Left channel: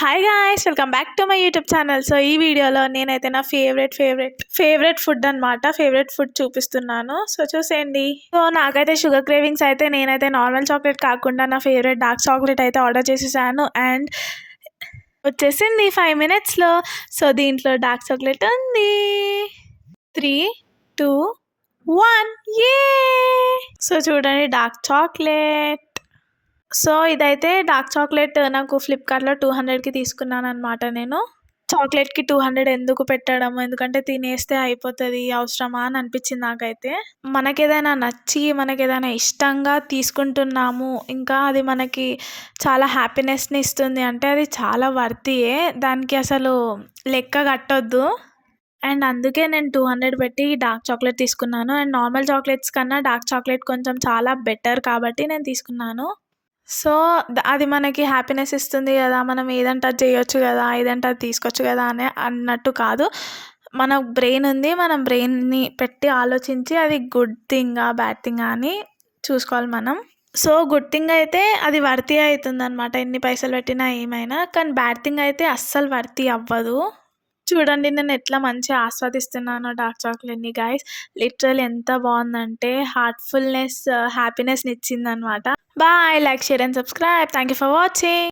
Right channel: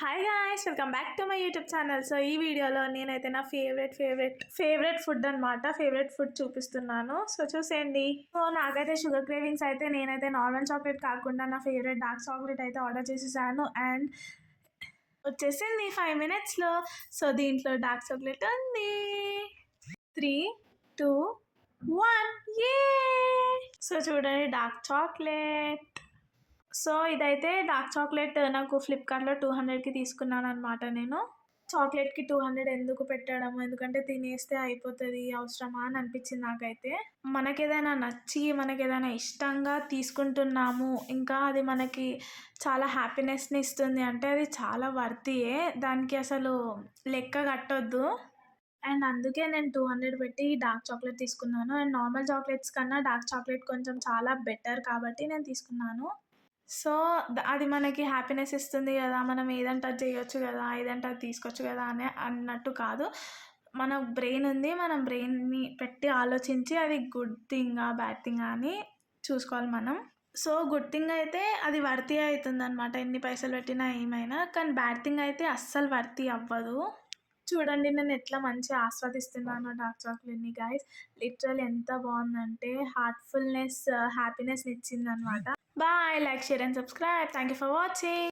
Hi guys welcome back to my YouTube channel. So ఈ వీడియోలో నేనైతే నా ఫేవరెట్ ఫుడ్ అనమాట. ఫేవరెట్ ఫుడ్ చూపిస్తున్నాను. సో చూసేయండి. సో నాకైతే షుగర్ క్రేవింగ్స్ అయితే నేనైతే నార్మల్ చాక్లెట్ కాకుండా నా ఫేవరెట్ డార్క్ చాక్లెట్ అయితే ఆర్డర్ చేసేసాను అండ్ వచ్చేసింది 5 మినిట్స్లో. సో దీంట్లో డార్క్ చాక్లెట్ ఉంది. 3, 2, 1 ఏ. సో చూడండి డార్క్ చాక్లెట్. సో ఇదైతే డార్క్ చాక్లెట్ నాకు ఫ్లిప్కార్ట్లో 200కి తీసుకున్నాను అనమాట. నేను చాక్లెట్కి 200 ఎందుకు పెట్టడము, ఎందుకంటే తినేస్తే అయిపోతుంది, అవసరమా అని అనిపించింది నాకైతే. మనకేదైనా నచ్చి మనకేదైనా ఇష్టంగా తీసుకుంటున్నాము, ఇంకా అది మనకి చాలా హ్యాపీనెస్ని ఇస్తుంది అంటే అది చాలా వర్తియే, దానికి అసలు లెక్క కట్టొద్దు. అండ్ అందుకే నేను 200 పెట్టి డార్క్ చాక్లెట్ తీసుకున్నాను. అండ్ నార్మల్ చాక్లెట్స్ కన్నా డార్క్ చాక్లెట్ కొంచెం చాలా బెటర్ కాబట్టి నేను తీసుకున్నాను. సో అది మనకి హ్యాపీనెస్ ఇస్తుంది కదా, మనం ఏదంటే అది చేయొచ్చు కదా, ఏదంటే అది తీసుకోవచ్చు కదా అని అన్నట్టు కాదు. మన బ్రెయిన్ ఉంది, మనం బ్రెయిన్ని పెట్టి ఆలోచించి అది గుడ్ థింగా బ్యాడ్ థింగా అని చూసుకోవాలి మనం. సో గుడ్ థింగ్ అయితే అది వర్తీ అవుతుందన్నమాట, ఎన్ని పైసలు పెట్టినా ఏమైనా. కానీ బ్యాడ్ థింగ్ అయితే అస్సలు వర్తీ అవ్వదు. చూడండి నేను ఎట్లా మంచిగా ఆస్వాదిస్తున్నానో డార్క్ చాక్లెట్ని గైస్. లిటరల్ ఎంత బాగుందంటే హ్యాపీనెస్ని ఇచ్చిందనమాట. Bye, like, share and subscribe. Thank you for watching.